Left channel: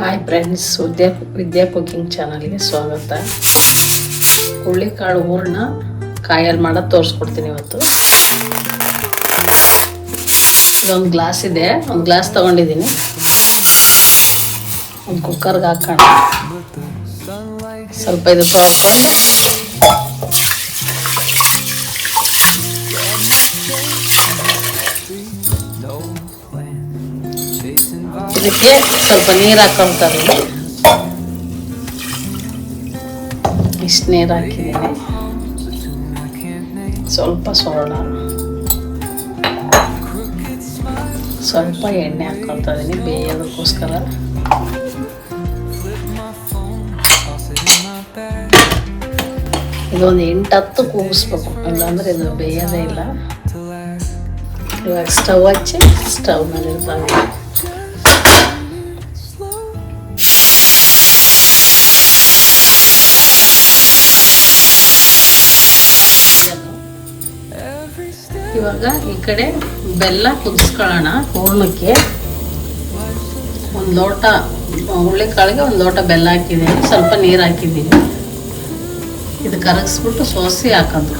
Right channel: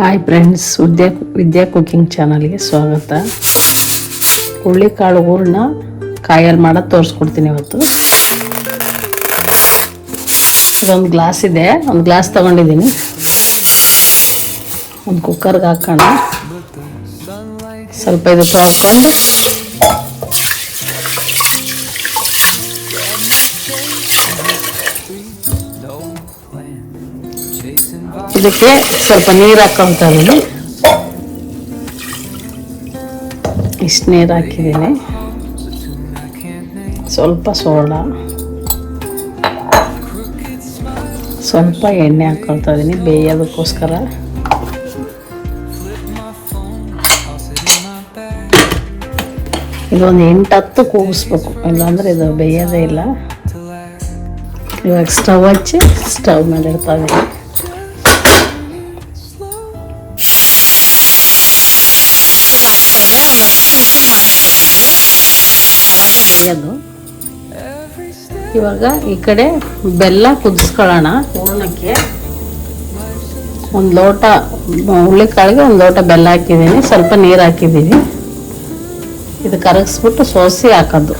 Hi friends Vidya Vidya cooking ಚಾನಲ್ಗೆ ಸ್ವಾಗತ. ಹುರುಳಿಕಾಳು ಹೂರಣ ಕಾಯಲ್ಲಿ ಮಾಡೋದು ತೋರಿಸ್ಕೊಡ್ತೀನಿ ಇವತ್ತು. ಇದೊಂದು ಗ್ಲಾಸ್ ಇದೆ, ಒಂದು ಗ್ಲಾಸ್ ತಗೊಂಡಿದ್ದೀನಿ. ಒಂದು ಕುಕ್ಕರ್ಗೆ ಹಾಕೋಣ. ಸ್ವಲ್ಪ ಇದು ತೊಳ್ಕೊಂಡು ಇದಕ್ಕೆ ಸ್ವಲ್ಪ ನೀರು ಹಾಕೊಂತ ಇಷ್ಟು ನೀರು ಹಾಕಿದ್ದೀನಿ ಸ್ವಲ್ಪ ಸೋಡಾ ಸ್ವಲ್ಪ ಎಣ್ಣೆ ಹಾಕ್ಕೊಳ್ತಾ ಇದೀನಿ ಬೇಯೋದಕ್ಕೋಸ್ಕರ ಇನ್ನೊಂದು ಎಂಟು ಹತ್ತು ಕೂಗಿಸ್ಬೇಕು ಇಲ್ಲಾಂದ್ರೆ ಇದು ಬೇಯೋದೇ ಇಲ್ಲ ಇವಾಗ ಸ್ಟವ್ ಹಚ್ಚಿ ಸ್ಟವ್ ಮೇಲೆ ಇಡ್ತಾ ಇವಾಗ ಈ ಕಡೆ ಬೆಲ್ಲ ಕುದಿಸ್ಕೊಳ್ಳೋಣ ಹೂರ್ಣಕ್ಕೆ. ಒಂದು ಲೋಟ ಹುಳಿಕಾಳಿಗೆ ಒಂದು ಲೋಟ ಬೆಲ್ಲ ಹಾಕಿದ್ದೀನಿ. ಸ್ವಲ್ಪ ನೀರು ಹಾಕಿದ್ದೀನಿ. ಇದು ಕರಗಿಸ್ಬಿಟ್ಟು ಸೋಸಿ ಹಾಕೋದು.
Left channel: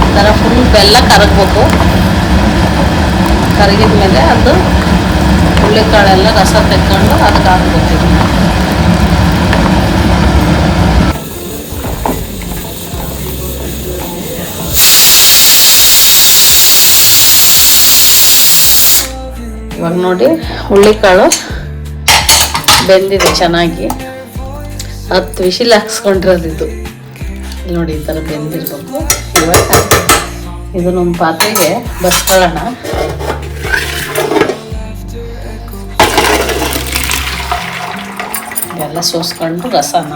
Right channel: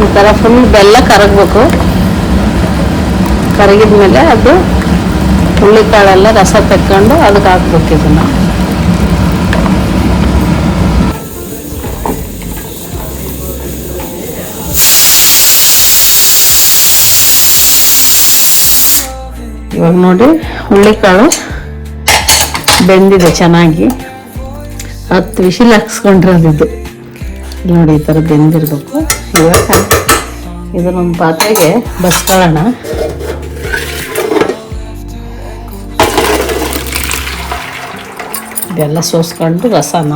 ಈ ಫುಲ್ ಬೆಲ್ಲ ಕರಗಬೇಕು. ಕರಗಿದ ಮೇಲೆ ಅದು ಹುಳಿಕಾಳೆಲ್ಲ ರಸ ತಕ್ಕೊಂಡು ಇವಾಗ ನೋಡಿ ಹುಳ್ಳಿಕಾಳು ಬೆಂದಿದೆ ಚೆನ್ನಾಗಿ. ಹತ್ತು ವಿಶಿಲ್ ಹಾಕ್ಸ್ಕೊಂಡ್ರೆ ಅದಿದ್ದು ನೋಡಿ, ಈ ಥರ ಬೆಂದಿರ್ಬೇಕು. ಇವಾಗ ಇದನ್ನೊಂದು ಪಾತ್ರೆಗೆ ಬಸ್ಕೊಳ್ಳೋಣ ಇದೆಲ್ಲ ಸೋಸ್ಕೊಂಡು ರಸನ.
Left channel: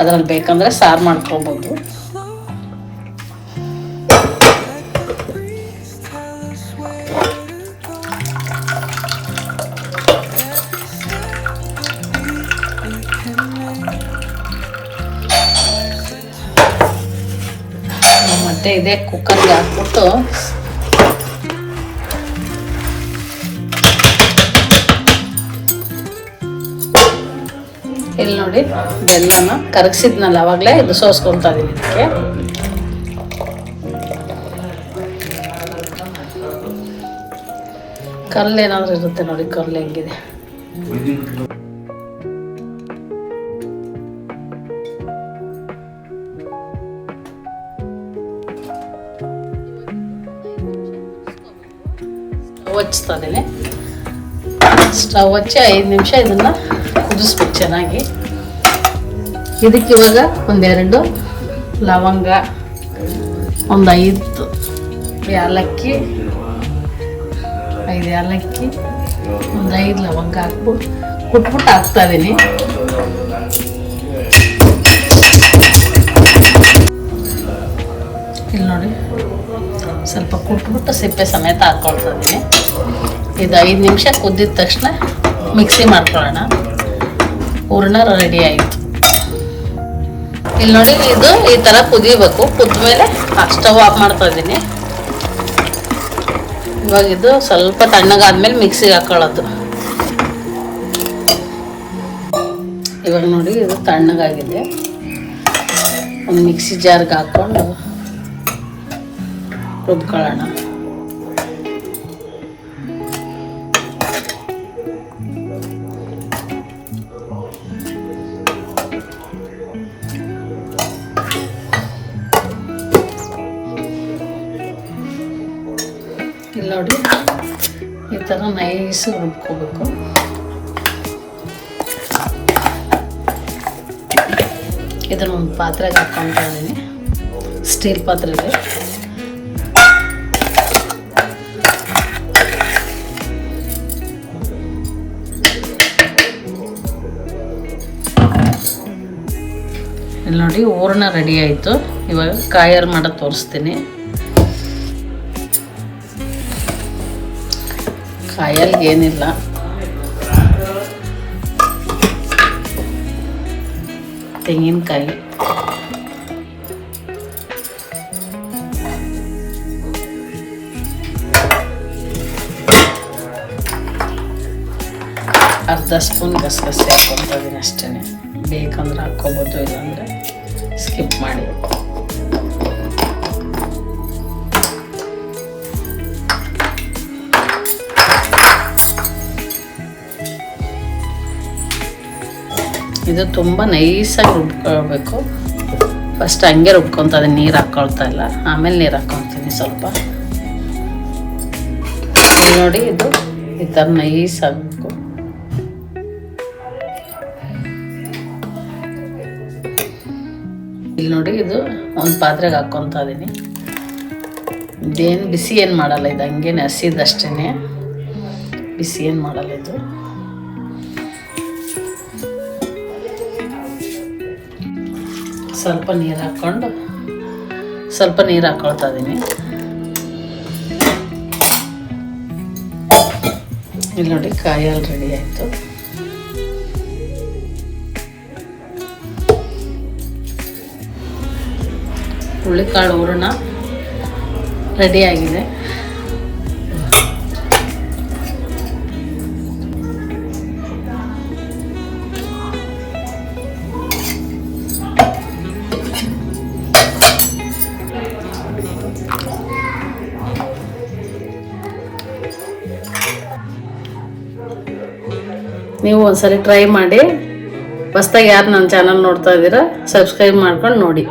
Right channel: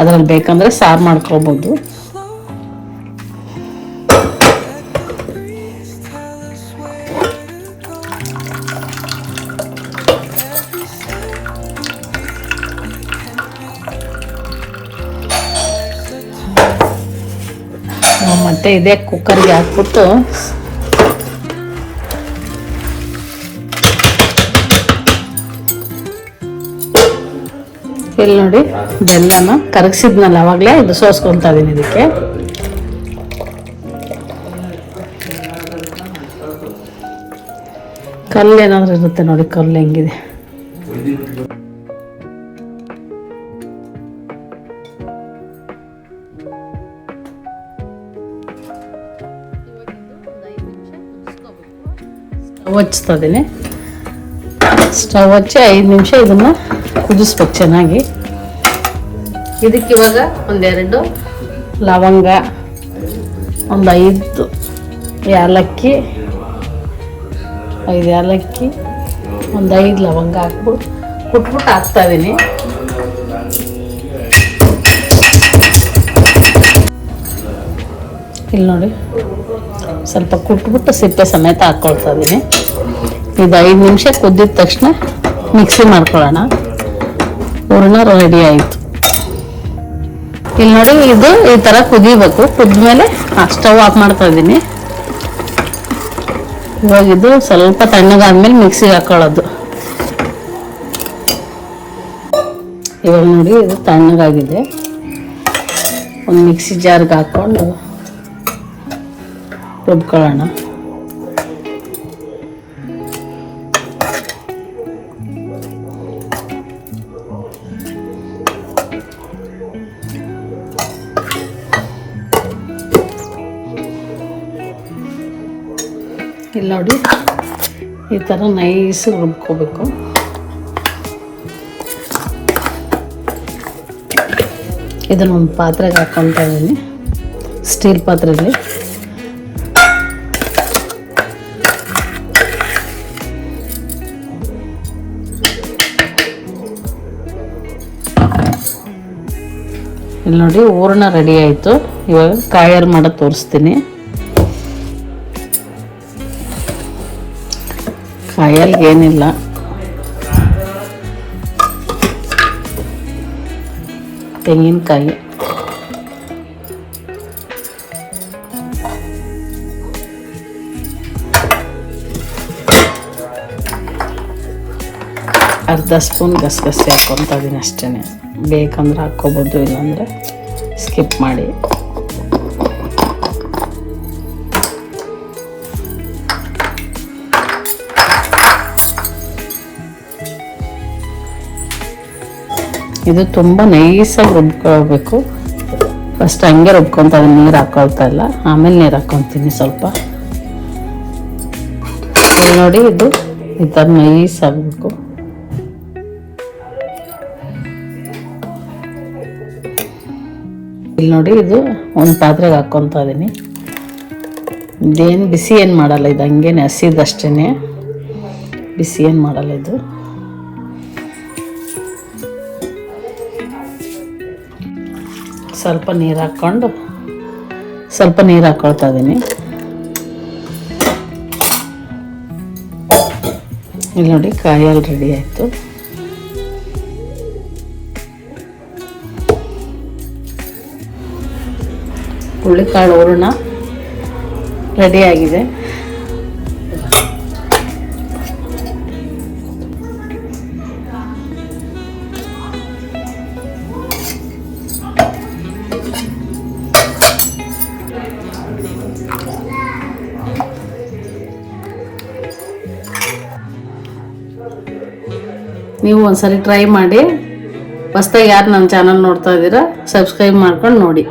ಅದ್ರಲ್ಲಿ ಬೇಕಂದರೆ ಸಾರು ಮಾಡ್ಕೊಬೋದು. ಮತ್ತೆ ಇದೆ ಕುಕ್ಕರ್ಗೆ ಹಾಕ್ಬಿಟ್ಟು ಇಲ್ಲಿ ನೋಡಿ, ಬೆಲ್ಲನ ಕರಗಿಸಿದ್ನಲ್ಲ ಅವಾಗಲೇ, ಇದು ಸೋಸ್ಕೊತಾ ಇದೀನಿ ಇದಕ್ಕೆ. ಕಲ್ಲು ಏನಾದ್ರು ಇರುತ್ತೆ ನೋಡಿ, ಕಲ್ಲು ಹೆಂಗಿದೆ. ಹಚ್ತಾ ಇದೀನಿ ಸ್ಟವ್ ಹಚ್ಚಿ ಐದು ನಿಮಿಷ ಇದನ್ನು ಕುದಿಸ್ಬೇಕು ಚೆನ್ನಾಗಿ. ಇದಕ್ಕೆ ಇವಾಗ ಒಂದೆರಡು ಲವಂಗ ಒಂದು ಐದು ಏಲಕ್ಕಿ ಐದು ಏಲಕ್ಕಿ ಒಂದು ಐದು ಲವಂಗ ಹಾಕ್ಬಿಟ್ಟು ಕುಟ್ಬಿಟ್ಟು ಹಾಕ್ತಾಯಿದ್ದೀನಿ ಇದೀನಿ. ಇಲ್ಲಿ ನೋಡಿ. ಸ್ವಲ್ಪ ಕುಟ್ಬಿಟ್ಟು ಸಿಪ್ಪೆ ಸಮೇತ ಹಾಕ್ಕೊಳ್ತಾ ಇದ್ದೀನಿ ಇದು ಐದು ನಿಮಿಷ ಕುದ್ದಿದ ತಕ್ಷಣ ಮಿಕ್ಸಿ ಮಾಡ್ಕೊಳ್ಳೋಣ. ಹೂರಣ ರೆಡಿ ಆಯಿತು. ಇಲ್ಲಿ ನೋಡಿ, ಇದು ಈ ಥರ ಕುದಿಬೇಕು. ಕುದ್ಮೇಲೆ ಸ್ಟವ್ ಆಫ್ ಮಾಡ್ತಾ ಇದ್ದೀನಿ ಇವಾಗ ಇದು ಸ್ವಲ್ಪ ತಣ್ಣಗಾದ್ಮೇಲೆ ಮಿಕ್ಸಿಗೆ ಹಾಕೊಳ್ಳೋದು. ಇವಾಗ ನೋಡಿ ತಣ್ಣಗಾಗಿದೆ. ಒಂದು ಮಿಕ್ಸಿ ಜಾರ್ಗೆ ಹಾಕ್ಕೊಂಡು ರುಬ್ಕೊಳ್ಳೋಣ ಇಲ್ಲಿ ನೋಡಿ ಈ ಥರ ನೈಸ್ ರುಬ್ಕೋಬೇಕು. ಇದನ್ನ ಒಂದು ಪಾತ್ರೆಗೆ ಹಾಕ್ಕೊತಾ ಇದ್ದೀನಿ. ಸ್ಟೀಲ್ ಪಾತ್ರೆಗೆ ಇಲ್ಲಿ ನೋಡಿ ಹೂರಣ ರೆಡಿ ಆಯಿತು. ಇವಾಗ ಕಾಯರ್ ಮಾಡೋದು ತೋರಿಸ್ತೀನಿ. ಕಾಯಲ್ಲಿ ಏನಿಲ್ಲ. ತೆಂಗಿನಕಾಯಿ. ಅರ್ಧ ಸ್ಪೂನ್ ಗಸಗಸೆ ಹಾಕ್ಕೊತಾ ಇದ್ದೀನಿ ಅಷ್ಟೇ ಬೇಕಂದ್ರೆ ಹಾಕ್ಕೋಬೋದು ಇಲ್ಲಾಂದರೆ ಸ್ಕಿಪ್ ಮಾಡಿ. ಇದು ತುಂಬ ನೈಸಾಗಿ ರುಬ್ಕೊಳ್ಬೇಕು. ಫಸ್ಟ್ ಹಂಗೆ ರುಬ್ಕೊತ ಅದನ್ನ ನೀರು ಹಾಕ್ಕೊಳ್ತಾ ಇಲ್ಲ. ಆಮೇಲೆ ನೀರು ಹಾಕ್ಕೊತೀನಿ ಸ್ವಲ್ಪ. ನೋಡಿ ಇದು ಈ ಥರ ನೈಸ್ ಆಗಬೇಕು ಇಲ್ಲಿ ನೋಡಿ ಇದು ಒಂದು ಪಾತ್ರೆಗೆ ಹಾಕ್ಕೊತಾ ಇದೀನಿ. ಇದೇನು ಬಿಸಿ ಏನು ಮಾಡಲ್ಲ, ಇದು ಹಂಗೇನೆ ಹಸಿದಷ್ಟೇ ಬಿಸಿ ಏನು ಮಾಡಲ್ಲ ಇದು. ಸ್ವಲ್ಪ ನೀರು ಹಾಕ್ಕೊಂಡು ಸ್ವಲ್ಪ ನೀರು ಹಾಕ್ಕೊಳ್ತಾ ಇದ್ದೀನಿ ಇಲ್ಲಿ ನೋಡಿ ಕಾಯಲ್ಲಿ ರೆಡಿ ಆಯಿತು. ಹುಳಿಕಾಳು ಹೂರ್ಣ ರೆಡಿಯಾಗಿದೆ. ನೀವು ಒಂದ್ಸರಿ ಟ್ರೈ ಮಾಡಿ. ಹೊಸ್ದಾಗಿ ಯಾರು ನನ್ನ ಚಾನಲ್ ನೋಡ್ತಾ ಇದ್ದೀರಾ ಸಬ್ಸ್ಕ್ರೈಬ್ ಮಾಡ್ಕೊಂಡು ನೋಡಿ.